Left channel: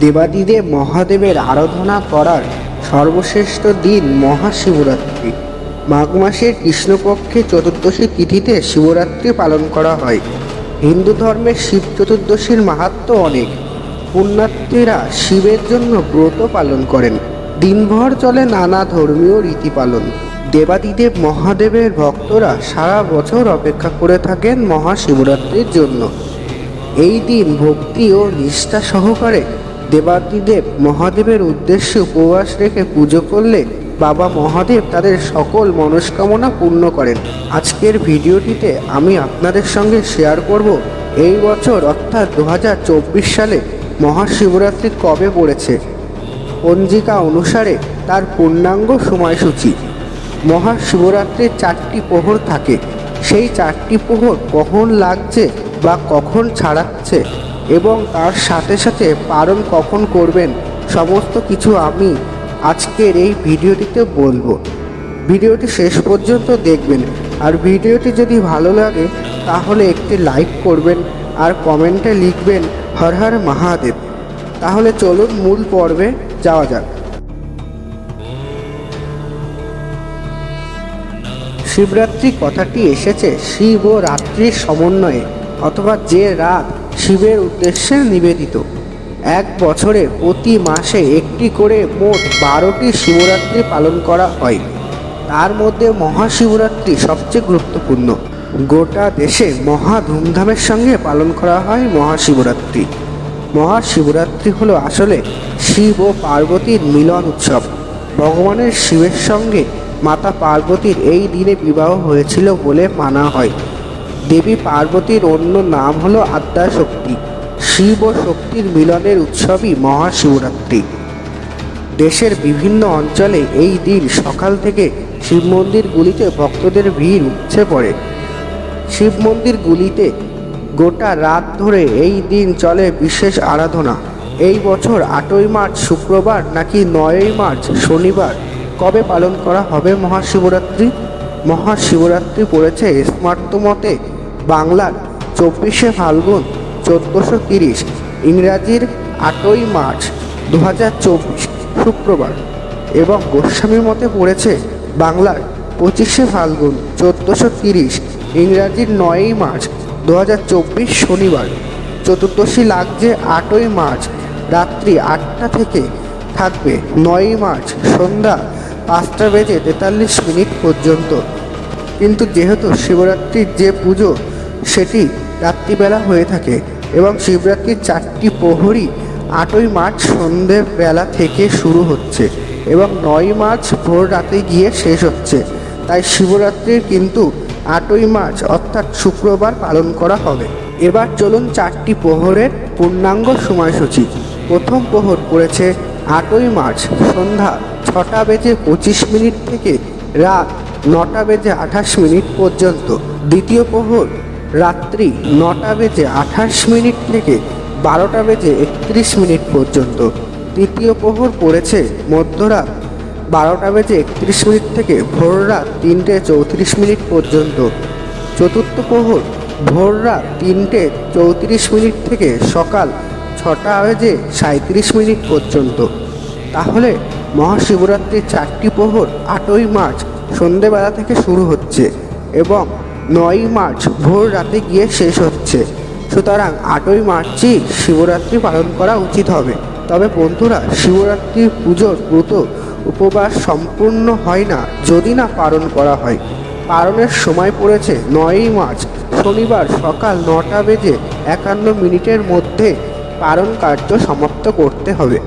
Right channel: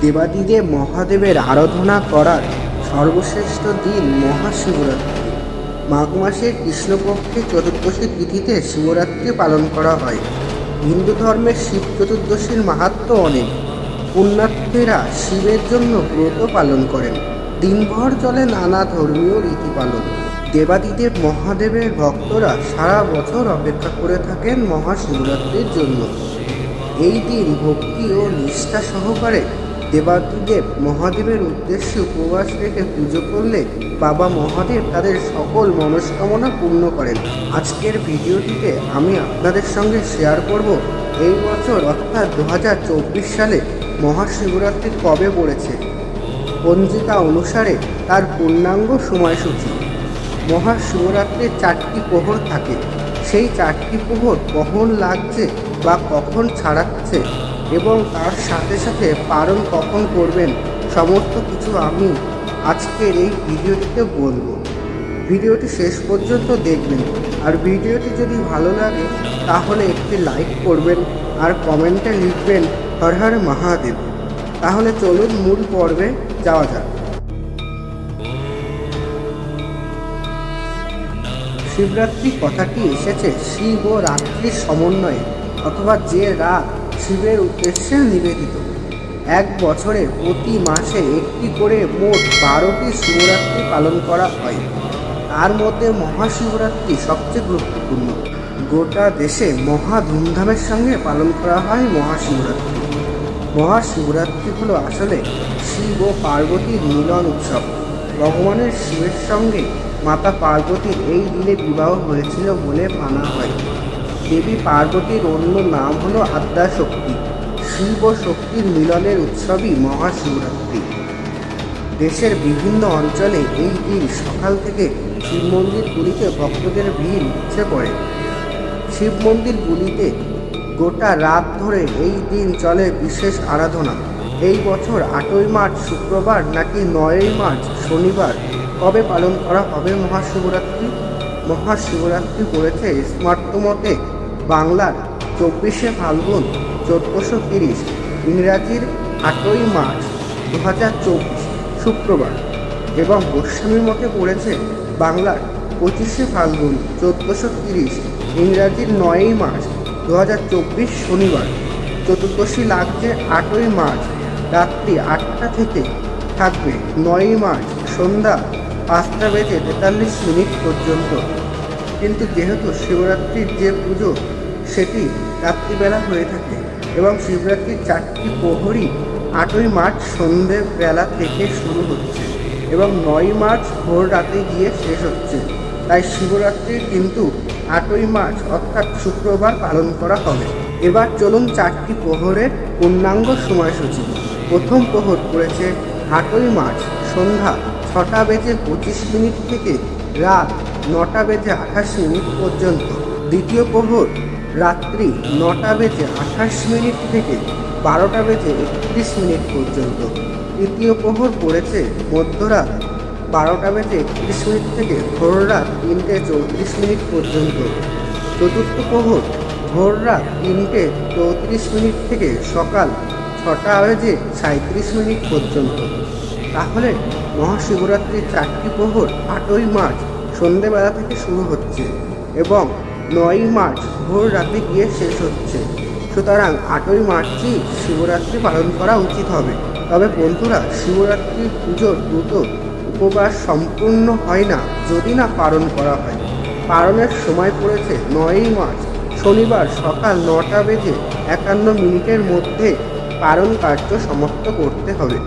দেবাদিদেব মহাদেবের আরাধনা করার সর্বশ্রেষ্ঠ দিন মহাশিবরাত্রি। মাঘ মাসের কৃষ্ণপক্ষে চতুর্দশী তিথিতে শিবরাত্রি পালন করা হয়। হিন্দু ধর্মের শিব চতুর্দশীর মাহাত্ম্য অনেক। পুণ্যার্থীরা শিবের জন্য ব্রত পালন করেন। দিনভর চলে নানা ধর্মীয় রীতি পালন। দেবাদিদেব মহাদেবের ভক্তরা সারা বছর অপেক্ষা করে থাকেন মহাশিবরাত্রির জন্য। এই দিন ভক্তি ও নিষ্ঠা সহকারে দেবাদিদেব মহাদেবের উদ্দেশ্যে উপবাস রেখে পুজো করলে বাবা মহাদেব তাদের সকল মনস্কামনা পূর্ণ করেন। আজকের ভিডিওটিতে আমি আপনাদের সঙ্গে শেয়ার করব এই বছর, অর্থাৎ দু হাজার চব্বিশ সালে মহাশিবরাত্রি কবে পড়েছে। পঞ্জিকা অনুসারে তার পূর্ণাঙ্গ সময়সূচি। মহাশিবরাত্রির চারটি প্রহর থাকে। সেই চারটি প্রহর কখন লাগছে বা কখন ছাড়াচ্ছে এবং তার সাথে সাথে পালন কখন করবেন, সমস্ত কিছু আমি আজকের এই ভিডিওটিতে বলব। ভিডিওটি শেষ পর্যন্ত দেখবেন। আর ভিডিওটি যদি ভালো লাগে, তাহলে একটি লাইক করবেন আর কমেন্টে লিখবেন, হর হর মহাদেব। তাহলে চলুন মূল পর্বে যাওয়া যাক। শিবরাত্রি কথাটি এসেছে শিব ও রাত্রির সমন্বয়ে, অথবা যে রাত শিবের উদ্দেশ্যে নিবেদিত। এক বছরে প্রতি মাসে একটি করে মোট বারোটি শিবরাত্রি পালন করা হয়। তার মধ্যে মহাশিবরাত্রি সবচেয়ে গুরুত্বপূর্ণ। গোটা দেশে মহা ধুমধামের সঙ্গে পালন করা হয় মহাশিবরাত্রি। মহাশিবরাত্রি হলো আসলে শিব ও পার্বতীর মিলন উৎসব। ভগবানের শিবের সঙ্গে মাতা পার্বতীর এই দিনে বিবাহ হয়েছিল বলে মানা হয়। দেবী পার্বতীর অন্য নাম হলো আদ্যাশক্তি। শিব ও শক্তির মিলনের উৎসবই মহাশিবরাত্রি। দেশের বিভিন্ন অঞ্চলে এই দিন সকাল থেকে শিব মন্দিরগুলিতে ভক্তদের ভিড় উঠছে পড়ে। শিব মন্দিরগুলিতে গোটা রাত ধরে এই দিন চলে বিশেষ আরাধনা। এই বছর আটই মার্চ শুক্রবার নাকি নয়ই মার্চ শনিবার কবে পালন করা হবে মহাশিবরাত্রি? মহাশিবরাত্রি পড়েছে স্মার্ত মতে বাংলার চব্বিশে ফাল্গুন, চোদ্দোশো তিরিশ, ইংরাজির আটই মার্চ দু হাজার চব্বিশ শুক্রবার এবং গোস্বামীর মতে পড়েছে বাংলার পঁচিশে ফাল্গুন, চোদ্দোশো তিরিশ, ইংরাজির নয়ই মার্চ দু হাজার চব্বিশ শনিবার, চতুর্দশী লাগছে আটই মার্চ, রাত্রি আটটা থেকে থাকবে নয়ই মার্চ সন্ধ্যা পাঁচটা বেজে তেতাল্লিশ মিনিট পর্যন্ত। কিন্তু যেহেতু শিবরাত্রির যে পুজো, সেটি রাত্রিবেলা হয়ে থাকে এবং শিবরাত্রির চারটি প্রহরই আটই মার্চ সন্ধেবেলা থেকে শুরু হচ্ছে এবং নয় মার্চ ভোর রাতে গিয়ে শেষ হচ্ছে। তাই শিবরাত্রির কিন্তু আটই মার্চ অর্থাৎ শুক্রবার পালন করা হবে। এবার চলুন চারটি প্রহরের পূর্ণাঙ্গ সময়সূচি। প্রথম প্রহর পড়েছে আটই মার্চ সন্ধ্যা ছটা বেজে পঁচিশ মিনিট থেকে রাত নটা বেজে আঠাশ মিনিট পর্যন্ত। দ্বিতীয় প্রহর রাত্রি নটা বেজে আঠাশ মিনিট থেকে বারোটা বেজে একত্রিশ মিনিট পর্যন্ত। তৃতীয় প্রহর পড়েছে মধ্যরাত বারোটা বেজে একত্রিশ মিনিট থেকে ভোর রাত তিনটে চৌত্রিশ মিনিট পর্যন্ত। চতুর্থ প্রহর ভোর রাত তিনটে চৌত্রিশ মিনিট থেকে সকাল ছটা বেজে সাঁত্রিশ মিনিট পর্যন্ত। তাহলে মহাশিবরাত্রির চারটি প্রহর আটই মার্চ সন্ধেবেলা থেকে শুরু হচ্ছে এবং নয়ই মার্চ ভোর রাতে গিয়ে শেষ হচ্ছে। সুতরাং আটই মার্চই শিবরাত্রি পালন করা উচিত হবে। তবে বন্ধুরা, শিবরাত্রি পুজোর ব্রত উপবাস সম্পূর্ণ হয় না যদি না পালন করা হয়। পালনের সময় পড়েছে নয়ই মার্চ, শনিবার সকাল নটা বেজে একান্ন মিনিটের মধ্যে পালন কার্য সমাপ্ত করতে হবে।